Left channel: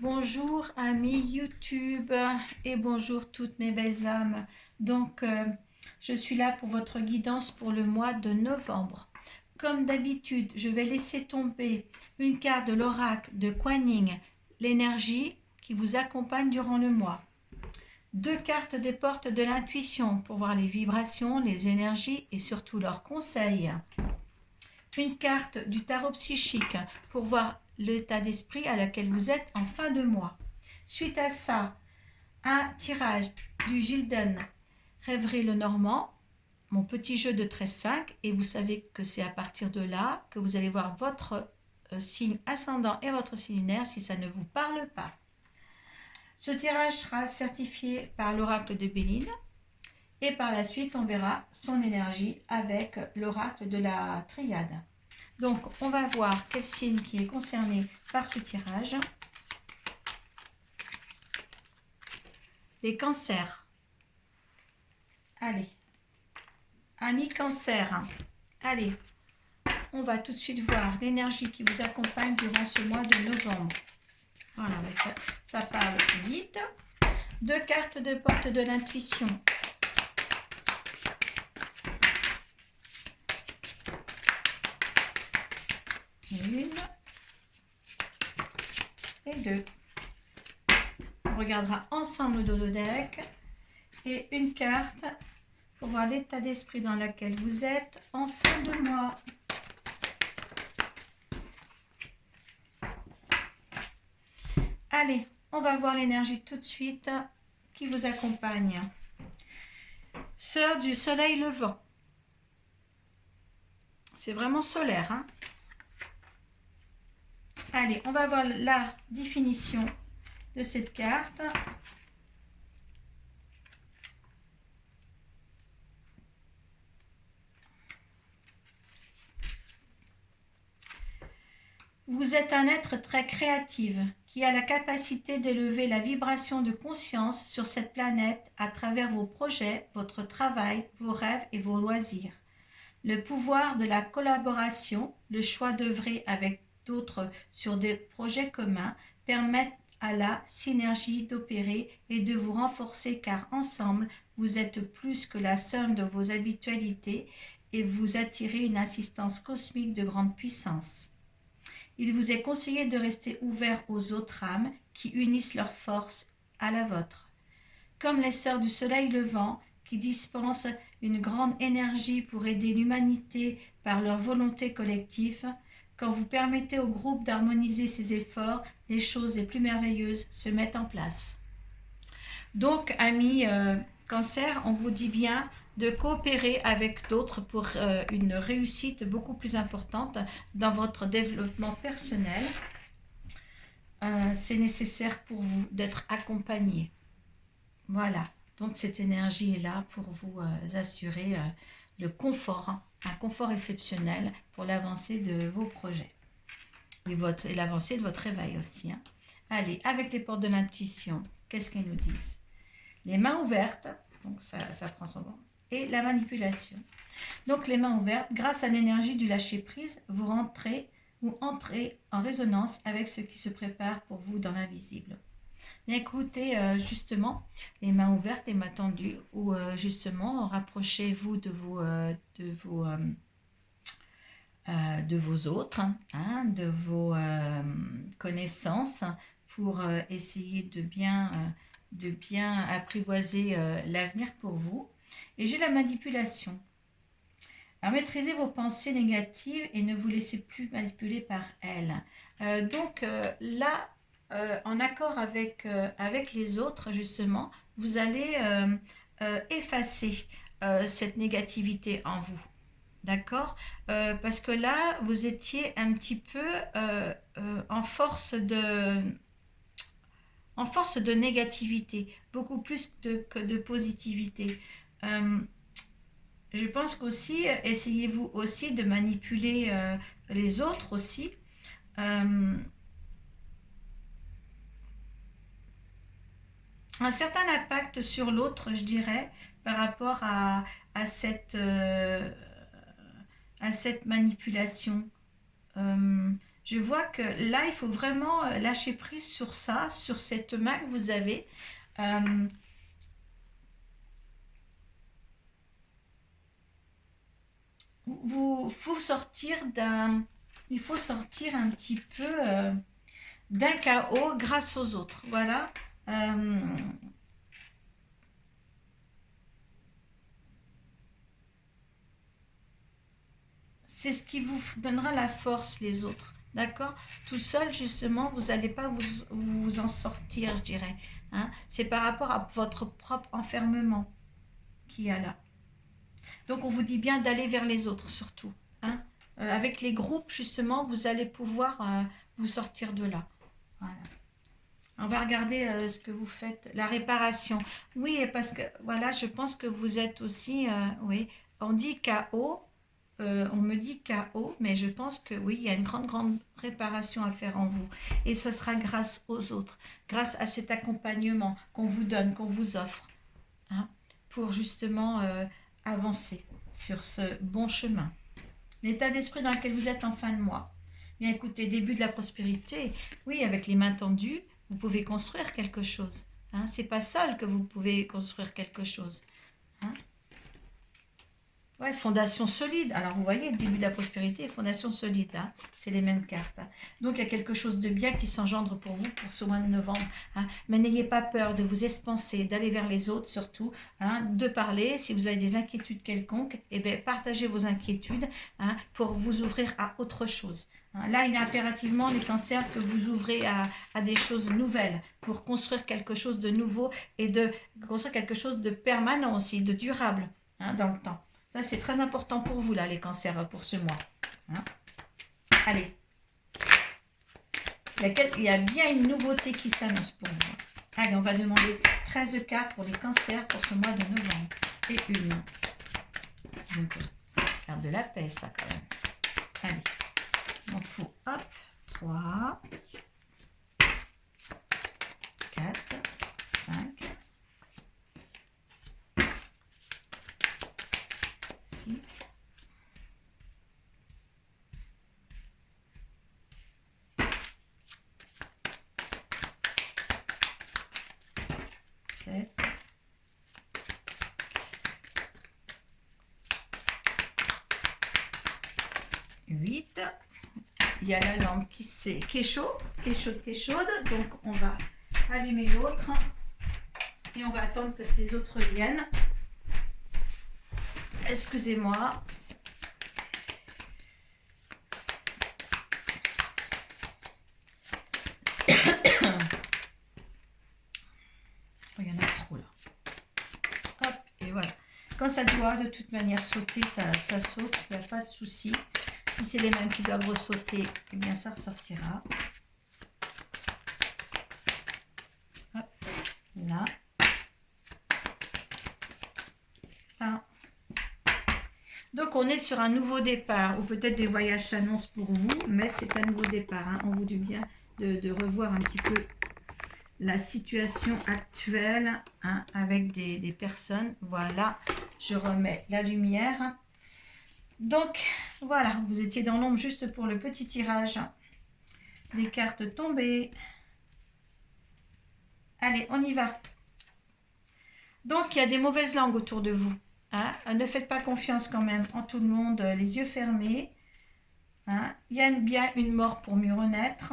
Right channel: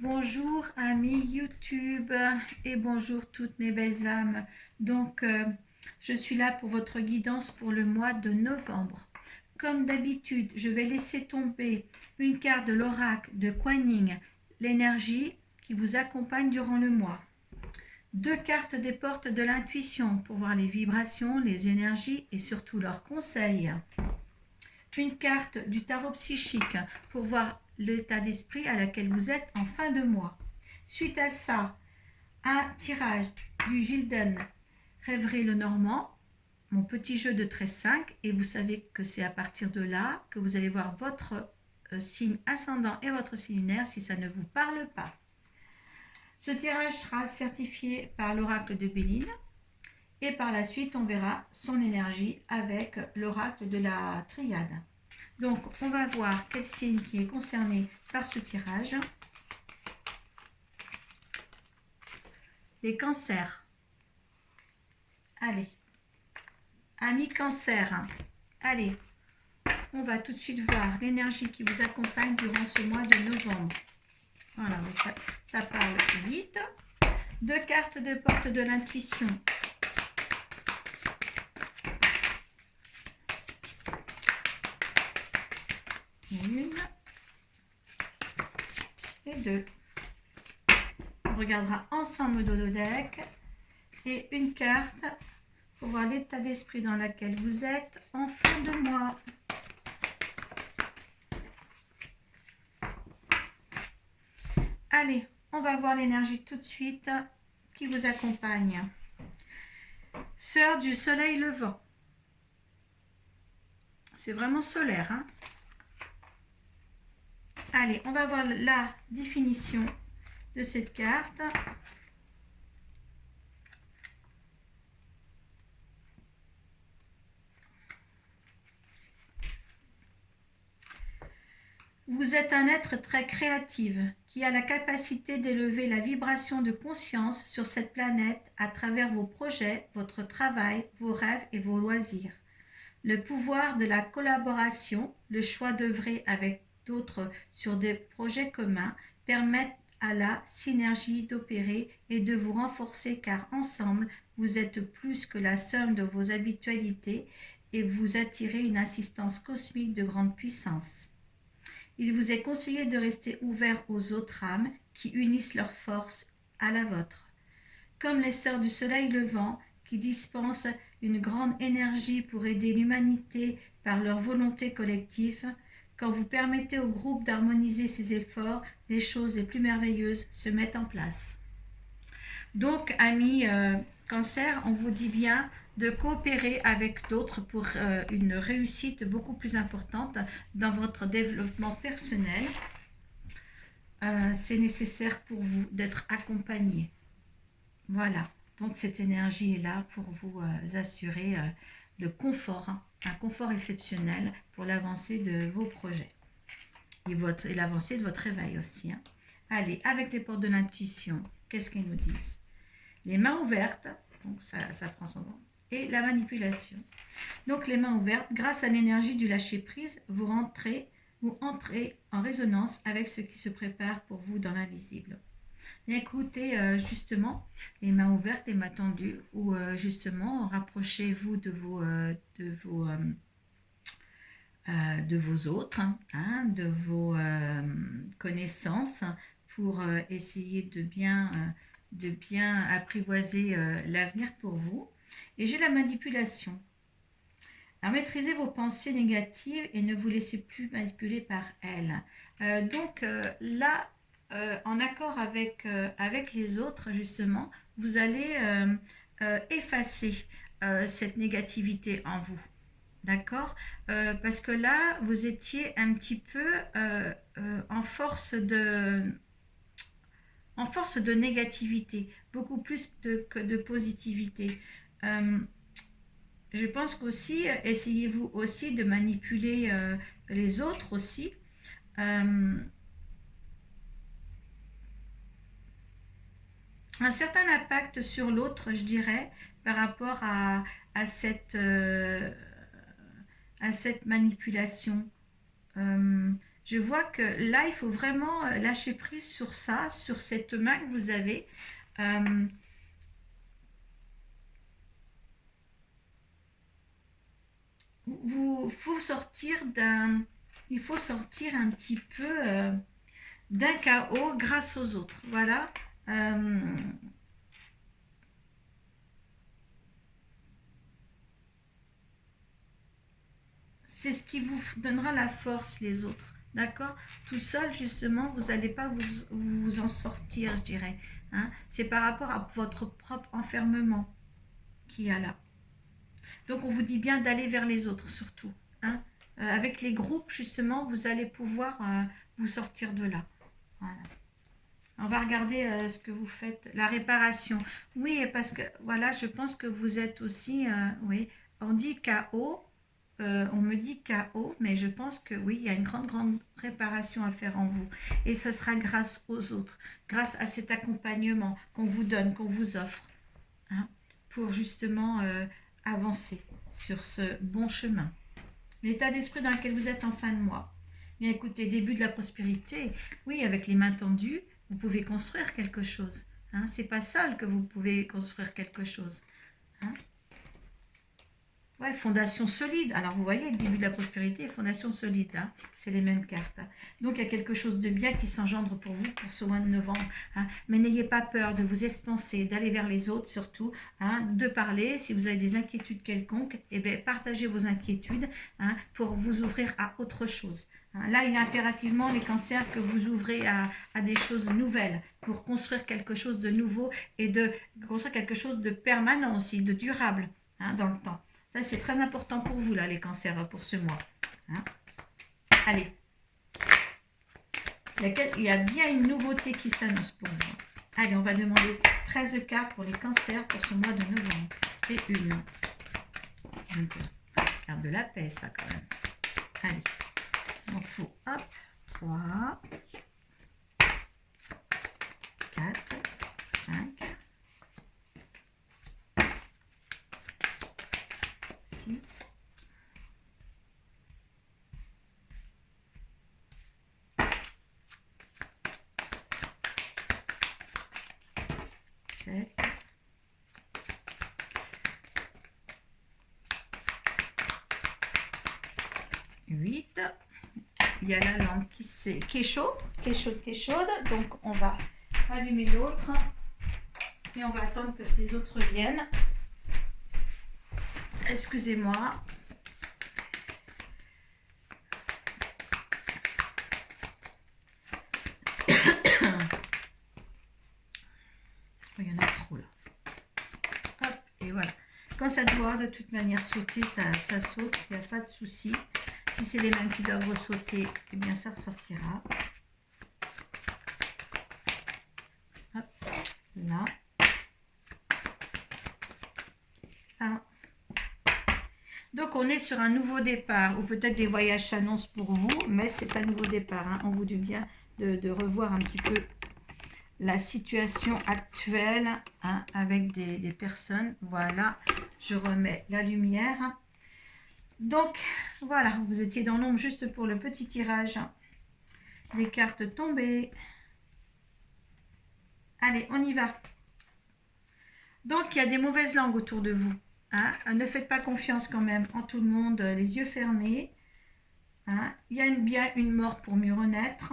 Bonjour amis YouTube et bonjour toutes mes belles âmes. Donc je suis là pour votre guidance pour le mois de novembre. Comme d'habitude, je vais laisser tomber une carte de l'oracle de Kuan Yin, l'énergie qui vous accompagne durant le mois. Deux cartes des portes de l'intuition pour voir les vibrations, les énergies et surtout leurs conseils. Une carte du tarot psychique pour voir l'état d'esprit à laquelle vous êtes en fin de mois. Suite à ça, un tirage du Gilden Rêverie le Normand, mon petit jeu de 13-5, et vous savez que c'est à partir de là que vous allez voir votre signe ascendant et votre signe lunaire si ça ne vous parle pas. Ce tirage sera certifié par l'oracle de Béline et par la suite on verra son énergie avec l'oracle de la Triade. Donc, on va voir quel signe qui est concerné par ce tirage. Les cancers. Allez. Amis cancer. Allez. On va tout de suite voir l'énergie qui vous accompagne durant ce mois de novembre. Voilà, ça parle vite. Deux cartes de porte de l'intuition. Une et deux. On regardera ensemble le dodo deck et une carte pour voir l'état d'esprit dans lequel vous êtes en fin de mois. Allez, on va voir l'énergie tout de suite qui vous accompagne. Sœur du soleil levant. C'est vraiment solaire, hein? Allez, on va voir la définition de cette carte. Vous êtes un être très créatif qui a la capacité d'élever la vibration de conscience sur cette planète à travers vos projets, votre travail, vos rêves et vos loisirs. Le pouvoir de la collaboration, le choix d'œuvrer avec d'autres sur des projets communs permettent à la synergie d'opérer et de vous renforcer car ensemble, vous êtes plus que la somme de vos habitualités et vous attirez une assistance cosmique de grande puissance. Il vous est conseillé de rester ouvert aux autres âmes qui unissent leurs forces à la vôtre. Comme les sœurs du soleil levant qui dispensent une grande énergie pour aider l'humanité par leur volonté collective, quand vous permettez au groupe d'harmoniser ses efforts, les choses les plus merveilleuses se mettent en place. Donc, amis cancer, on vous dit bien de coopérer avec d'autres pour une réussite beaucoup plus importante dans votre développement personnel. C'est nécessaire pour vous d'être accompagné. Voilà, donc cette énergie est là pour vous assurer le confort, hein, un confort exceptionnel pour l'avancée de vos projets et l'avancée de votre réveil aussi. Hein. Allez, avec les portes de l'intuition, qu'est-ce qu'elles nous disent? Les mains ouvertes, donc ça prend son nom, et la manipulation. Donc les mains ouvertes, grâce à l'énergie du lâcher-prise, vous entrez en résonance avec ce qui se prépare pour vous dans l'invisible. Écoutez, justement, les mains ouvertes, les mains tendues, ou justement, rapprochez-vous de vos autres, hein, de vos connaissances, pour essayer de bien apprivoiser l'avenir pour vous. Et j'ai la manipulation. Alors, maîtrisez vos pensées négatives et ne vous laissez plus manipuler par elles. Donc, là, en accord avec les autres, justement, vous allez effacer cette négativité en vous. D'accord? Parce que là, vous étiez un petit peu en force de négativité, beaucoup plus que de positivité. Je pense qu'aussi, essayez-vous aussi de manipuler les autres aussi. Un certain impact sur l'autre, je dirais, par rapport à cette manipulation. Je vois que là, il faut vraiment lâcher prise sur ça, sur cette main que vous avez. Il faut sortir un petit peu d'un chaos grâce aux autres. Voilà. C'est ce qui vous donnera la force, les autres. D'accord? Tout seul, justement, vous n'allez pas vous en sortir, je dirais. Hein? C'est par rapport à votre propre enfermement qu'il y a là. Donc, on vous dit bien d'aller vers les autres, surtout. Hein? Avec les groupes, justement, vous allez pouvoir vous sortir de là. Voilà. On va regarder ce que vous faites. La réparation. Oui, parce que, voilà, je pense que vous êtes aussi, oui, on dit KO. On me dit KO, mais je pense que oui, il y a une grande réparation à faire en vous. Et ce sera grâce aux autres, grâce à cet accompagnement qu'on vous donne, qu'on vous offre, hein, pour justement avancer sur ce bon chemin. L'état d'esprit dans lequel vous êtes en fin de mois. Bien écoutez, début de la prospérité, oui, avec les mains tendues, vous pouvez construire quelque chose. Hein. C'est pas seul que vous pouvez construire quelque chose. Hein. Ouais, fondation solide. Alors, vous voyez, début de la prospérité et fondation solide. Hein. C'est les mêmes cartes. Hein. Donc, il y a quelque chose de bien qui s'engendre pour vous pour ce mois de novembre. Hein. Mais n'ayez pas peur de vous expanser, d'aller vers les autres surtout, hein, de parler. Si vous avez des inquiétudes quelconques, eh bien, partagez vos inquiétudes, hein, pour vous ouvrir à autre chose. Hein. Là, il y a impérativement les cancers que vous ouvrez à des choses nouvelles pour construire quelque chose de nouveau et de construire quelque chose de permanent aussi, de durable, hein, dans le temps. Ça, c'est très important pour vous, là, les cancers, pour ce mois. Hein. Allez. Il y a bien une nouveauté qui s'annonce pour vous. Allez, on va demander 13 cartes pour les cancers pour ce mois de novembre. Et une. Carte de la paix, ça, quand même. Allez. Donc, il faut, hop, 3, 4, 5, 6, 7, 8. Il y a la lampe qui est chaude. Donc, on va allumer l'autre. Et on va attendre que les autres viennent. Excusez-moi. Il y en a trop là. Hop, et voilà. Quand ça doit de toute manière sauter, ça saute, il n'y a pas de souci. Si c'est les mêmes qui doivent ressauter, eh bien ça ressortira. Hop, là. Là. Donc on est sur un nouveau départ, ou peut-être des voyages s'annoncent pour vous, mais c'est un nouveau départ. Hein. On vous dit bien de revoir un petit peu la situation actuelle, hein, avec des personnes. Voilà, je remets la lumière. Donc, voilà, vous étiez dans l'ombre juste pour le petit tirage. Les cartes tombées. Allez, on y va. Donc, il y a des mauvaises langues autour de vous. Hein. Ne faites pas confiance quand même en tout le monde, les yeux fermés. Hein. Il y a bien une mort pour mieux renaître.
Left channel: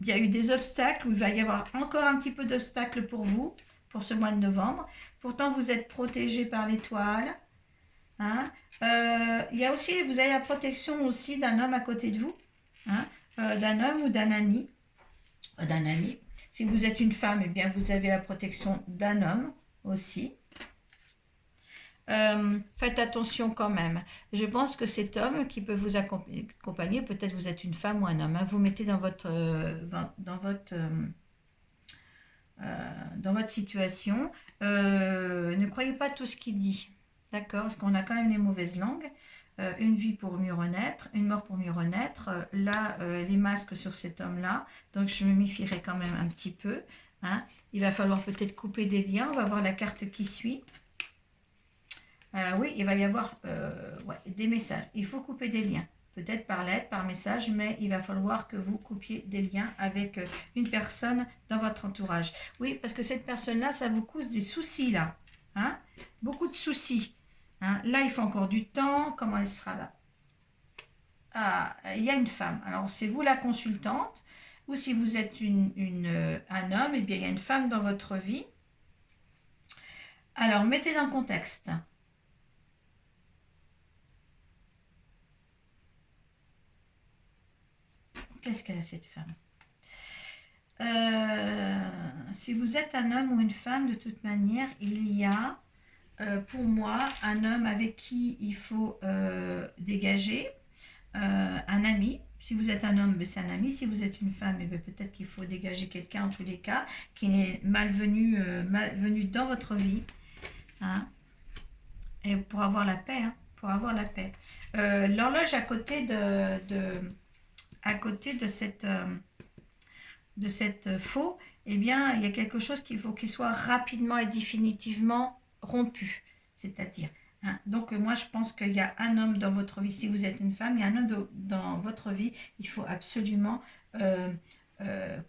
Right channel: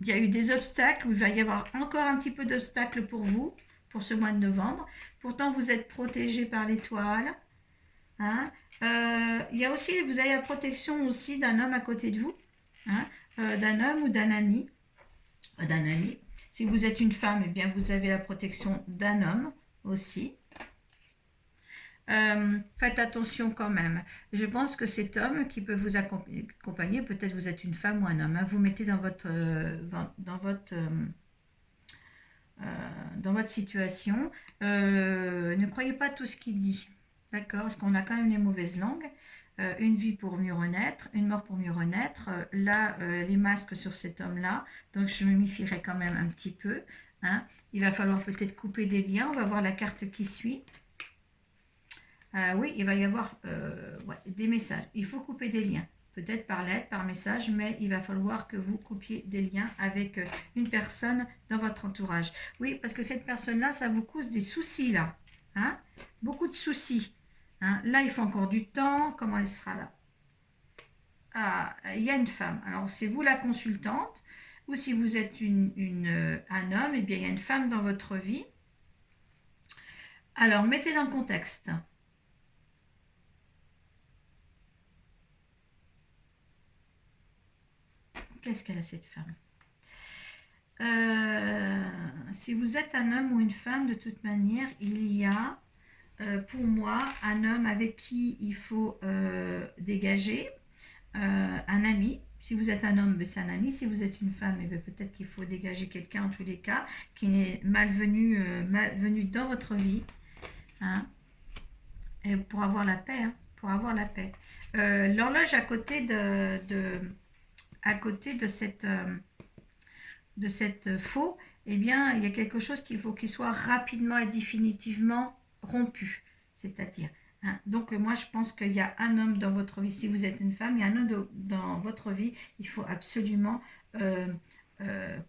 Il y a eu des obstacles, où il va y avoir encore un petit peu d'obstacles pour vous, pour ce mois de novembre. Pourtant, vous êtes protégé par l'étoile. Hein. Il y a aussi, vous avez la protection aussi d'un homme à côté de vous. Hein. D'un homme ou d'un ami. Si vous êtes une femme, eh bien, vous avez la protection d'un homme aussi. Faites attention quand même. Je pense que cet homme qui peut vous accompagner, peut-être vous êtes une femme ou un homme, hein, vous mettez dans votre situation. Ne croyez pas tout ce qu'il dit, d'accord, parce qu'on a quand même les mauvaises langues. Une vie pour mieux renaître, une mort pour mieux renaître. Là, les masques sur cet homme-là, donc je me méfierai quand même un petit peu. Hein. Il va falloir peut-être couper des liens. On va voir la carte qui suit. Oui, il va y avoir des messages. Il faut couper des liens peut-être par lettre, par message, mais il va falloir que vous coupiez des liens avec une personne dans votre entourage. Oui, parce que cette personne-là, ça vous cause des soucis, là. Hein? Beaucoup de soucis. Hein? Là, il faut encore du temps. Comment elle sera là? Ah, il y a une femme. Alors, c'est vous la consultante, ou si vous êtes un homme, eh bien, il y a une femme dans votre vie. Alors, mettez dans le contexte. Qu'est-ce qu'elle a, cette femme? Si vous êtes un homme ou une femme, de toute manière, il y a, pour moi, un homme avec qui il faut dégager, un ami. Si vous êtes un homme, c'est un ami. Si vous êtes une femme, peut-être qu'il faut dégager quelqu'un en tous les cas, qui est malvenu dans votre vie. Hein, et pour avoir la paix. Hein, pour avoir la paix. L'horloge à côté de cette faux, eh bien, il y a quelque chose qu'il faut qu'il soit rapidement et définitivement rompu. C'est-à-dire, hein, donc moi, je pense qu'il y a un homme dans votre vie. Si vous êtes une femme, il y a un homme dans votre vie. Il faut absolument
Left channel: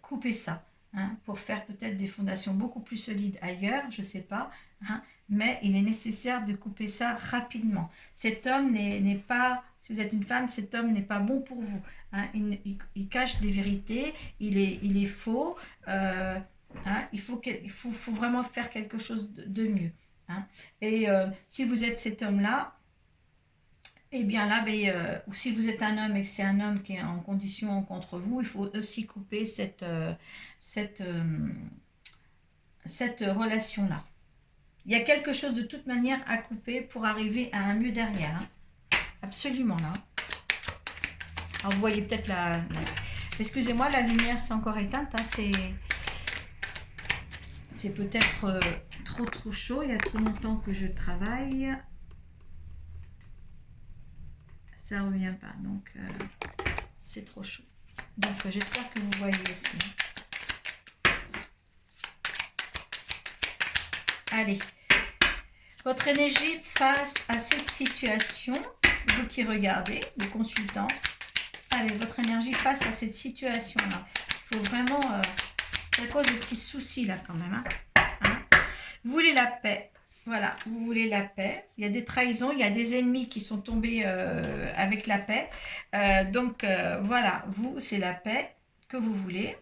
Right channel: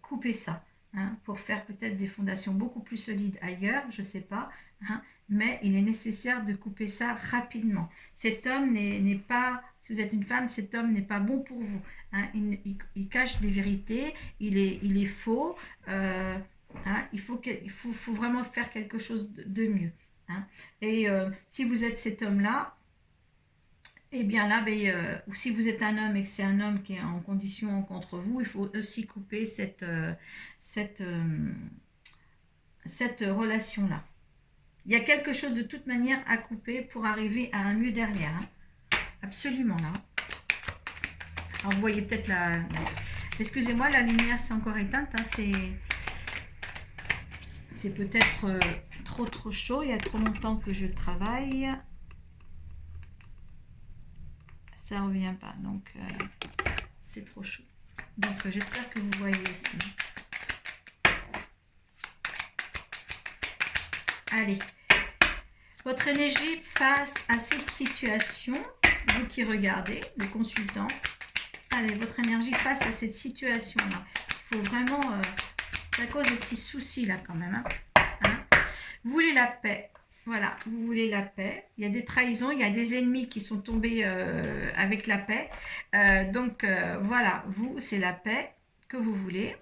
couper ça. Hein, pour faire peut-être des fondations beaucoup plus solides ailleurs, je ne sais pas. Hein, mais il est nécessaire de couper ça rapidement. Cet homme n'est pas, si vous êtes une femme, cet homme n'est pas bon pour vous. Hein, il cache des vérités, il est faux. Hein, il faut vraiment faire quelque chose de mieux. Hein. Et si vous êtes cet homme-là, eh bien là, ou si vous êtes un homme et que c'est un homme qui est en condition contre vous, il faut aussi couper cette relation-là. Il y a quelque chose de toute manière à couper pour arriver à un mieux derrière. Hein. Absolument là. Alors vous voyez peut-être excusez-moi, la lumière c'est encore éteinte. Hein. C'est peut-être trop chaud. Il y a trop longtemps que je travaille. Ça ne revient pas. Donc c'est trop chaud. Donc j'espère que vous voyez aussi. Allez. Votre énergie face à cette situation, vous qui regardez, le consultant, allez, votre énergie face à cette situation-là. Il faut vraiment, c'est à cause des petits soucis là quand même. Hein. Vous voulez la paix, voilà, vous voulez la paix. Il y a des trahisons, il y a des ennemis qui sont tombés avec la paix. Donc voilà, vous, c'est la paix que vous voulez.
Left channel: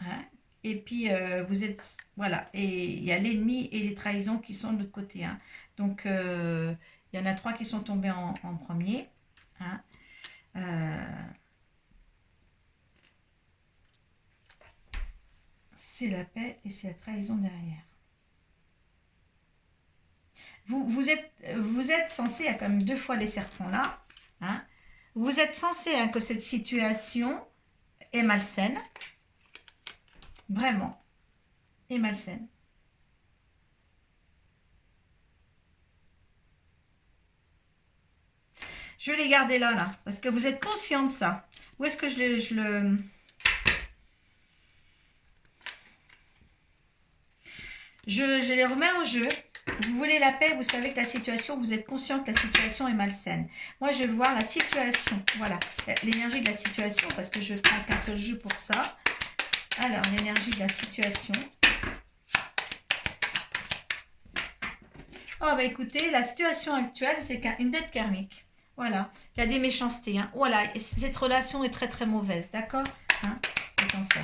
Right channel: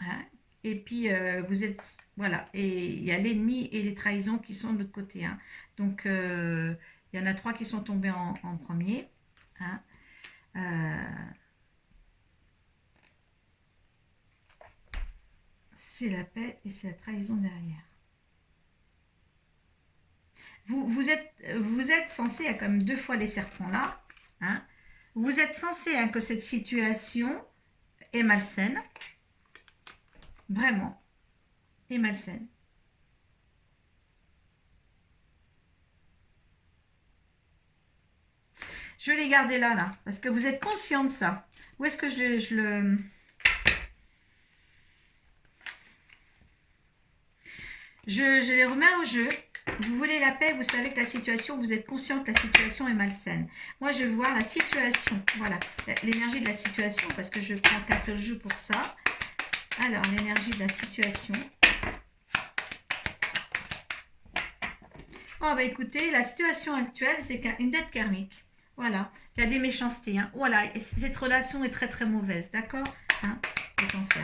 Hein. Et puis, vous êtes... Voilà. Et il y a l'ennemi et les trahisons qui sont de l'autre côté. Hein. Donc, il y en a 3 qui sont tombés en premier. Hein. C'est la paix et c'est la trahison derrière. Vous êtes censé, il y a quand même 2 fois les serpents là. Hein. Vous êtes censé que cette situation est malsaine. Vraiment. Et malsaine. Je vais les garder là, parce que vous êtes conscient de ça. Où est-ce que je les remets au jeu. Vous voulez la paix, vous savez que la situation, vous êtes conscient que la situation est malsaine. Moi, je veux voir la situation. Voilà, l'énergie de la situation, parce que je prends qu'un seul jeu pour ça. Alors, l'énergie de la situation. Oh, bah écoutez, la situation actuelle, c'est une dette karmique. Voilà, il y a des méchancetés. Hein. Voilà, et cette relation est très très mauvaise, d'accord, hein, le cancer.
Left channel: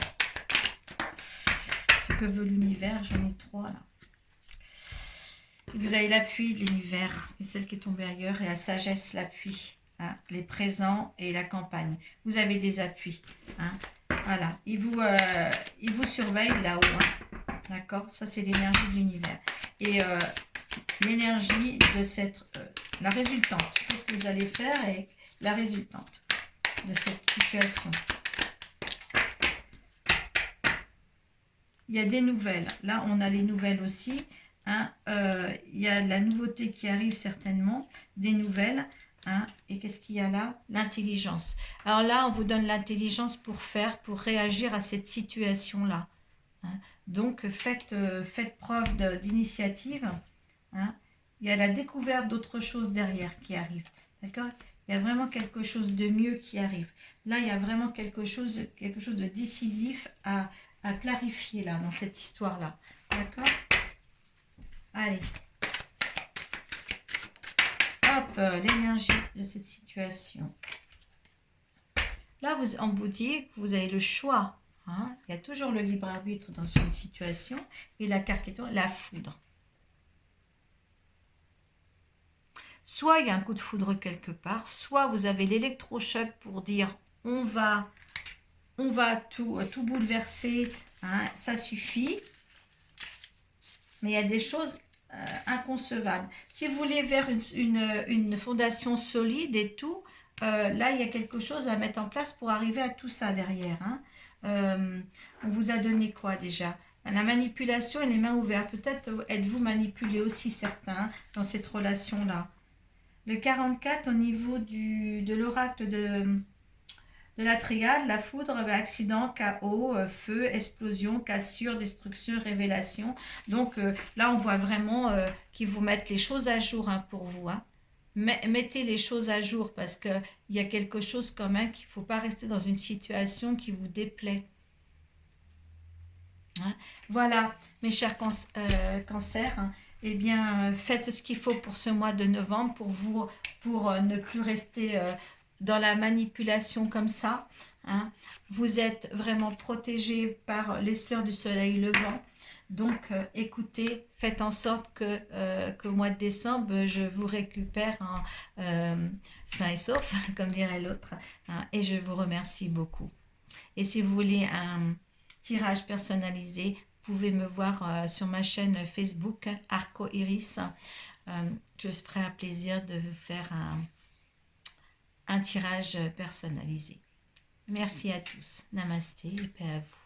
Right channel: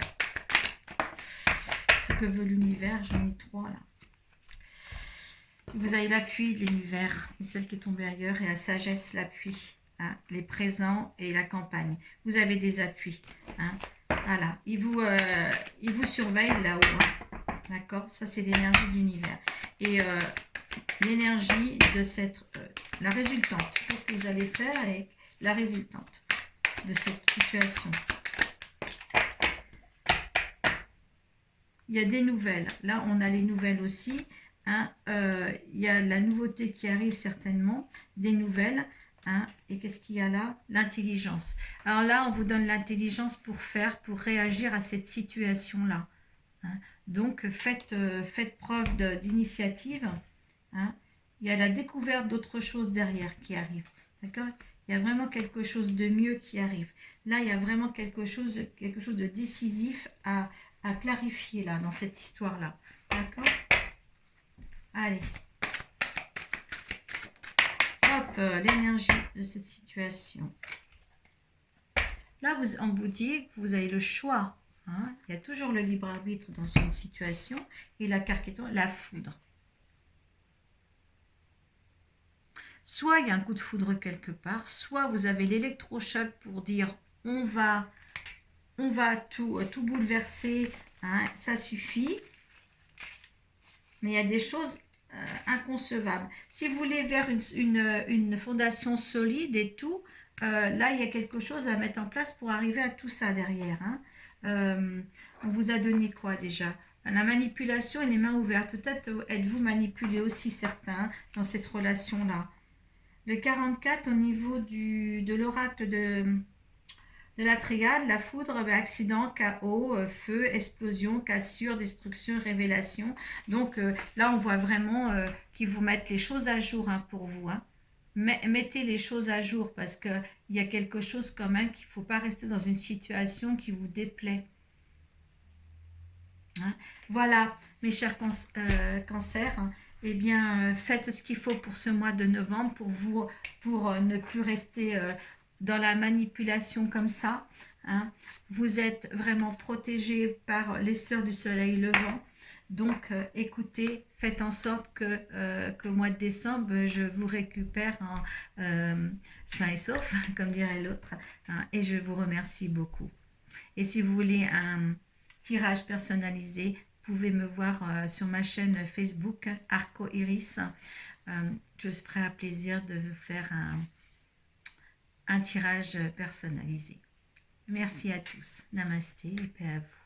Ce que veut l'univers, j'en ai 3 là. Vous avez l'appui de l'univers, et celle qui est tombée ailleurs, et la sagesse, l'appui. Hein, les présents et la campagne. Vous avez des appuis. Hein. Voilà, il vous surveille là-haut. Hein. D'accord, ça c'est l'énergie de l'univers. Et l'énergie de cette... la résultante. Qu'est-ce que vous allez faire avec la résultante de cette situation? Il y a des nouvelles. Là, on a les nouvelles aussi. Hein. Il y a la nouveauté qui arrive certainement. Des nouvelles. Hein. Et qu'est-ce qu'il y a là? L'intelligence. Alors là, on vous donne l'intelligence pour réagir à cette situation-là. Hein. Donc, faites preuve d'initiative. Hein. Il y a la découverte d'autres choses derrière qui arrive. D'accord? Il y a vraiment quelque chose de mieux qui arrive. Là, il y a vraiment quelque chose de décisif à clarifier là, dans cette histoire-là. D'accord? Allez. Hop, l'énergie de cette situation. Là, on vous dit que vous avez le choix. Hein? Il y a toujours le libre arbitre dans une situation. Et la carte qui est la foudre. Soit il y a un coup de foudre quelque part, soit vous avez l'électrochoc pour dire on va tout bouleverser, hein, ça suffit. Mais il y a des choses inconcevables. Si vous voulez vers une fondation solide et tout, là il y a quelque chose à mettre en place pour arriver à tout ça derrière. Hein. On vous a donné quoi déjà? La manipulation et les mains ouvertes. Peut-être êtes-vous manipulé aussi certains dans cette relation-là. Le 44 au niveau de l'oracle de la triade, la foudre, accident, chaos, feu, explosion, cassure, destruction, révélation. Donc là, on voit vraiment qu'ils vous mettent les choses à jour hein, pour vous. Hein. Mettez les choses à jour parce qu'il y a quelque chose quand même qu'il ne faut pas rester dans une situation qui vous déplaît. Hein. Voilà, mes chers cancers. Hein. Eh bien, faites ce qu'il faut pour ce mois de novembre pour ne plus rester dans la manipulation comme ça. Hein. Vous êtes vraiment protégés par les sœurs du soleil levant. Donc, écoutez, faites en sorte qu'au mois de décembre, je vous récupère sain et sauf, comme dirait l'autre. Hein, et je vous remercie beaucoup. Et si vous voulez un tirage personnalisé, vous pouvez me voir sur ma chaîne Facebook Arco Iris. Je ferai un plaisir de vous faire un tirage personnalisé. Merci à tous. Namasté et paix à vous.